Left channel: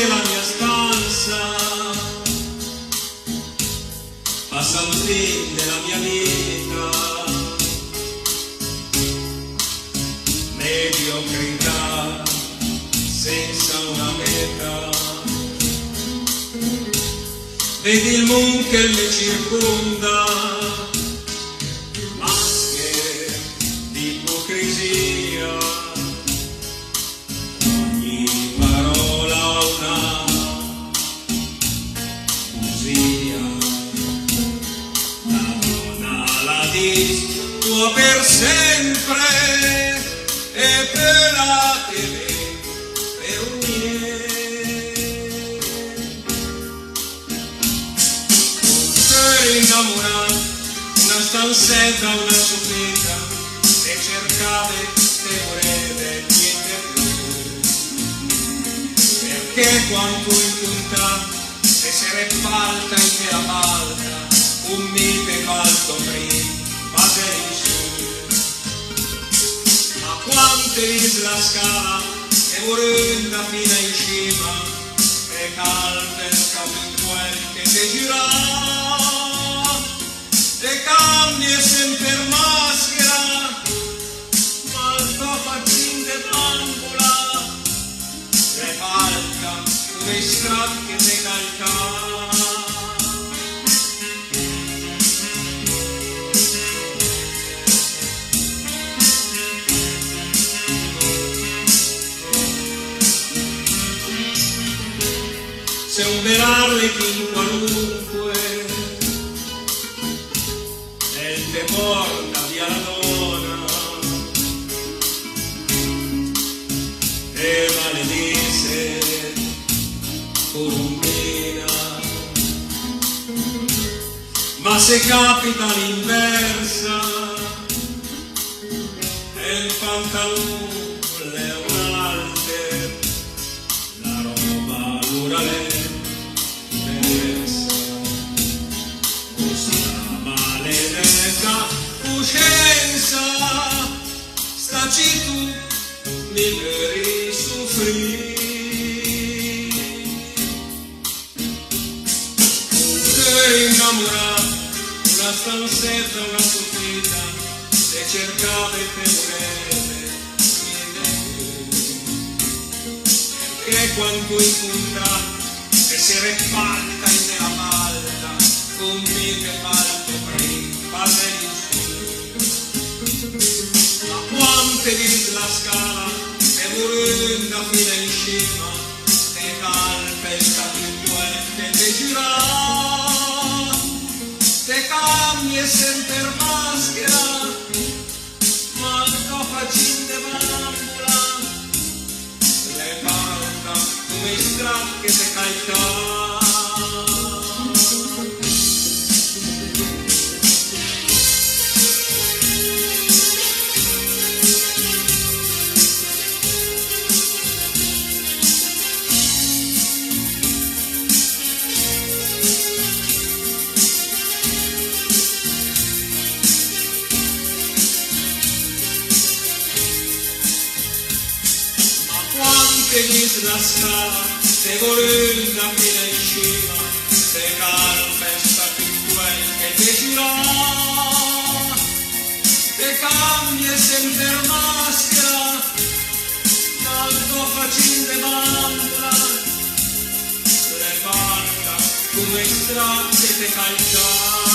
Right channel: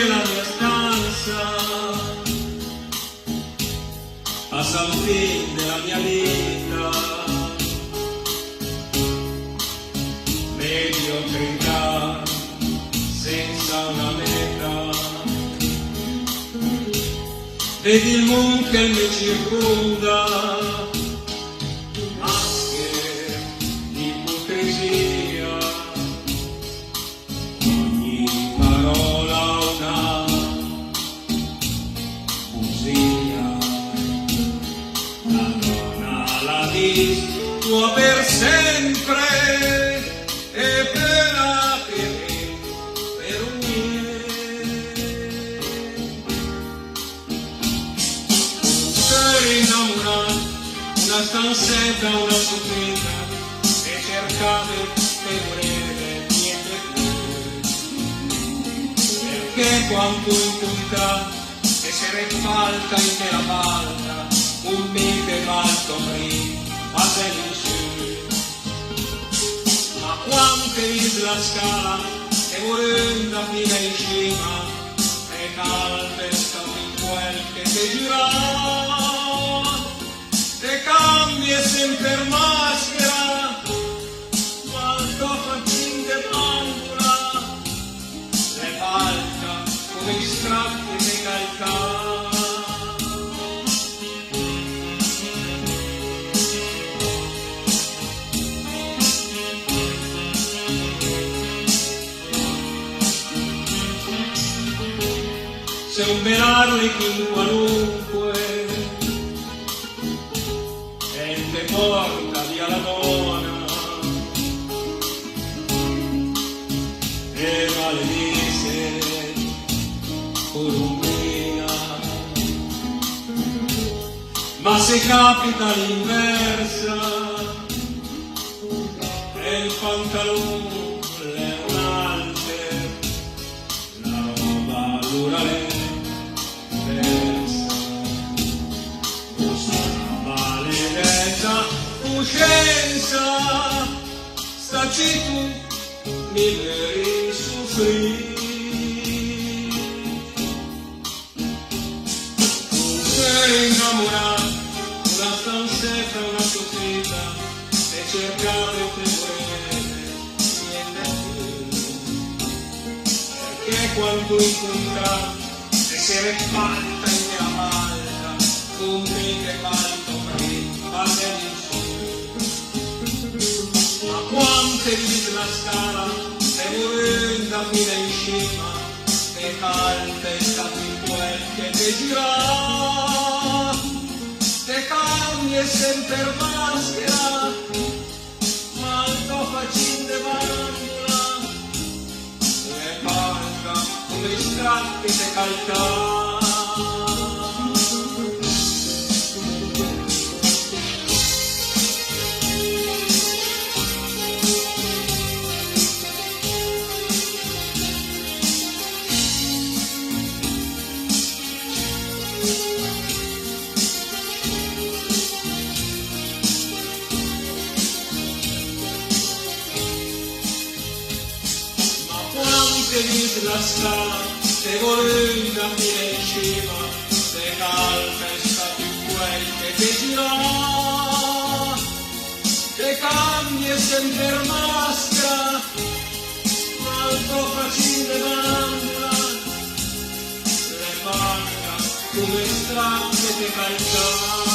della mia stanza, a San Fin della mia vita, mediocrità senza una meta. Vedi il mondo che mi circonda, maschere di ipocrisia, ogni parola una poesia. La donna la tua per sempre e per la TV per un innamorato, una stanzetta, una soffitta, se cercate che volete niente più, perché quanto in punta se falta in che la malta un mite malto prima in su, ma quante l'isla scala e vorrenda fino in cima e calpescano in quel che te gira. Te cambi e sempre maschera, ma il tuo faccin de bambola, te falca come i stracchi te calca. Se un bel arlechin qualunque te porta via la donna e maledice Columbina, ma se capita l'inversa e il pantalone è un alter, la roba allora è coscienza, staci tu mi veri soffrire. Sei innamorato, una stanzetta, una soffita, se cercate che volete, niente più. Perché quanto in punta, se si falta in la malta, con me che malto prima, quante di la scala e vorrenda fino in cima e calpesta in quel che te gira, te cambi e sempre maschera, ma il tuo faccin de bambola le falta come i stracchi te calca. Che dice la scala, se volenda fino in cima, se calpesta in quel che te gira, te cambia sempre maschera, ma il tuo faccin de banda, le manca come stracche te calcia.